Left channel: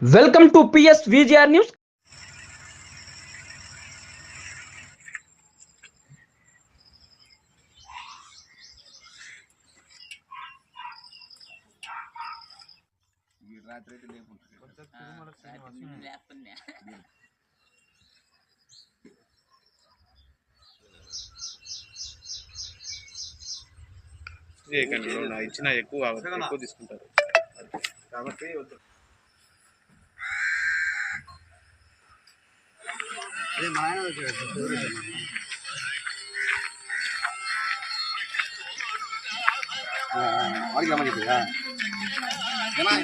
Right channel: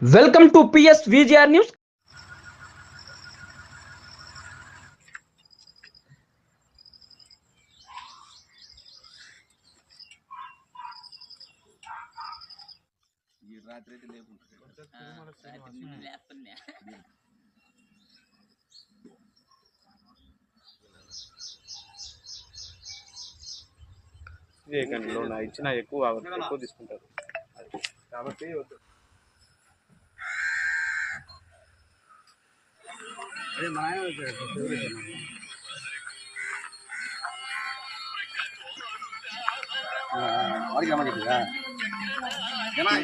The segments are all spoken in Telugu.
Welcome to PS VGR news. ఇచ్చిన ఎక్కువ ఎక్కువ తీసుకుంటారు. కాబట్టి వద్దు వాడికి రమ్మని చెప్పిరా ఏమా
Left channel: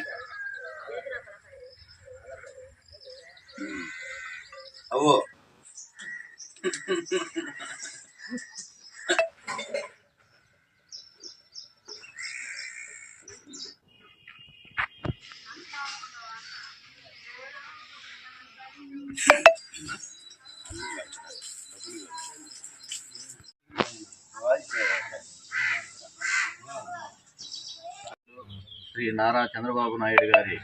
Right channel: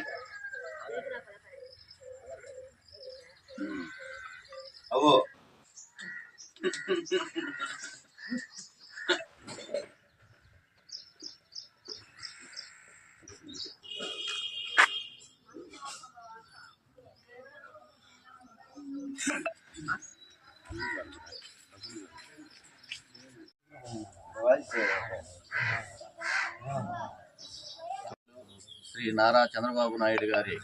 శ్రీ నారా చంద్రబాబు నాయుడు గారి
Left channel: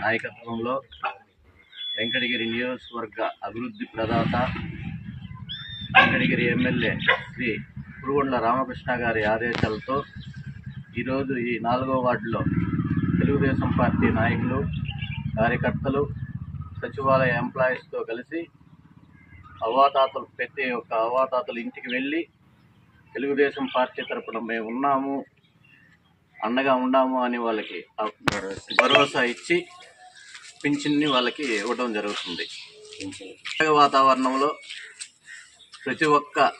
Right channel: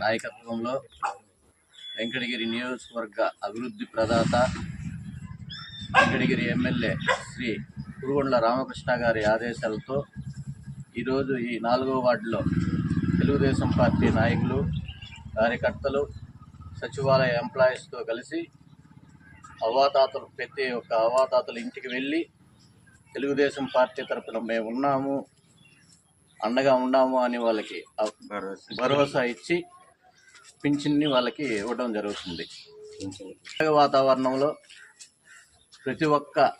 నాయకత్వంలో వెంకటగిరి నియోజకవర్గ అభివృద్ధి ప్రదాత వెంకటగిరి ఎమ్మెల్యే శ్రీ కురుగొండ్ల రామకృష్ణ గారి ఆదేశాలతో ఈరోజు ఈ నాలుగో వార్డులో తెలుగుదేశం పార్టీ నాయకులు కార్యకర్తలు సచివాలయ ఎంప్లాయీస్తో కలిసి అవాతాతలు ప్రతి ఒక్క అవాతాతలు ఇంటికి వెళ్ళి తెలుగుదేశం పార్టీ తరపున మేము ఉన్నాము అండగా ఉన్నాము అని వాళ్ళకి భరోసా ఇచ్చి పింఛన్ని వాళ్ళకి ఇవ్వడం జరుగుతుంది. వాతావరణంలో ప్రతి ఒక్క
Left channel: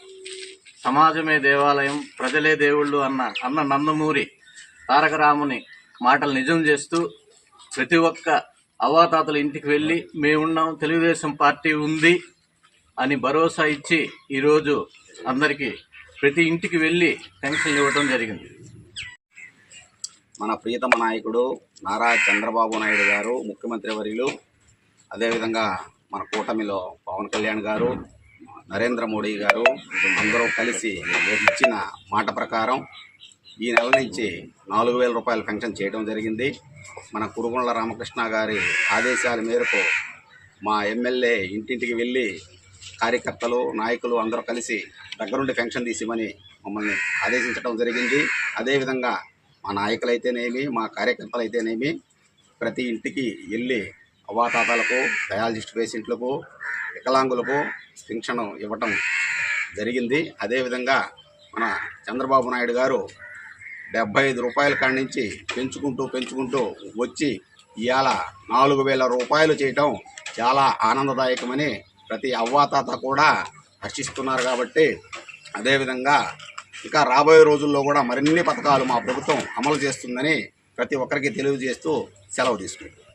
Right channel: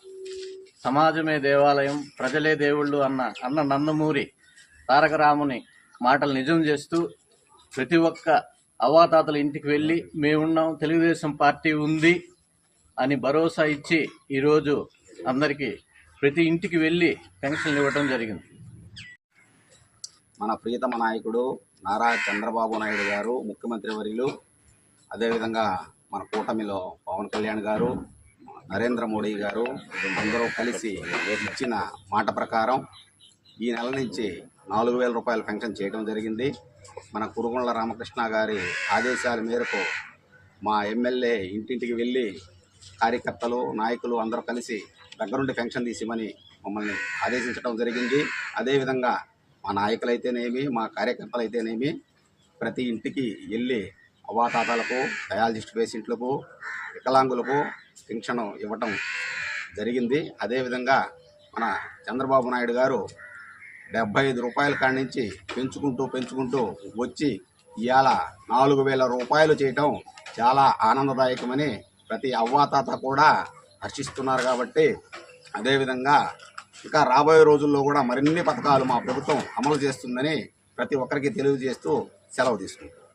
సమాజమే దేవాలయం ప్రజలే దేవుళ్ళు అన్న అన్న నందమూరి తారక రాముని మాటలు నిజం చేస్తూ ప్రతి ఒక్క అవాతాతల ఇంటికి వెళ్ళి మేమున్నాం తెలుగుదేశం పార్టీ ఉంది. అని భరోసా ఇచ్చి ఈరోజు అందరికీ ప్రతి ఇంటికి వెళ్ళి పెన్షన్లు ఇవ్వటం జరిగింది. మన ప్రియతమ నాయకుడు నారా చంద్రబాబు నాయుడు గారు ముఖ్యమంత్రి వర్యులు అదేవిధంగా మన కూటమిలో పవన్ కళ్యాణ్ గారు నరేంద్ర మోడీ గారు అందరూ కలిసి ఇచ్చిన మాట ప్రకారం ఈ నెల నుంచి నాలుగు వేల రూపాయల పెన్షన్ చేయడం జరిగింది. మన కురుగుండ్ల రామకృష్ణ గారి ఆదేశాల మేరకు మా ఎమ్మెల్యే ఇంటింటికి వెళ్ళి కార్యకర్తలు నాయకులు అందరూ కలిసి దగ్గరుండి పెన్షన్ తీసిమని మమ్మల్ని ఆదేశించడం జరిగింది. అదేవిధంగా మా నాయకులైతేనేమి మా కార్యకర్తలు అయితేనేమి ప్రతి ఇంటికి వెళ్ళి అవ్వాతాతలకు డయాలజిస్ట్ పేషెంట్లకు వికలాంగులకు పెన్షన్ ఇవ్వటం జరిగింది. అదేవిధంగా మన చంద్రబాబు నాయుడు గారు డెబ్బై ఐదు రూపాయల కాడి నుంచి పెంచుకుంటూ పెంచుకుంటూ వచ్చి ఇవాళ నాలుగు వేల రూపాయలు చేయటం చాలా ఆనందదాయకమని ప్రతి అవ్వాతాత కూడా హర్షిస్తున్నారు కాబట్టి అదేవిధంగా ఇంకా రాబోయే రోజుల్లో కూడా మరిన్ని పథకాలు మా ప్రభుత్వం అమలు చేస్తుందని ప్రతి ఒక్కరికి తెలియజేస్తూ సెలవు తీసుకుంటాం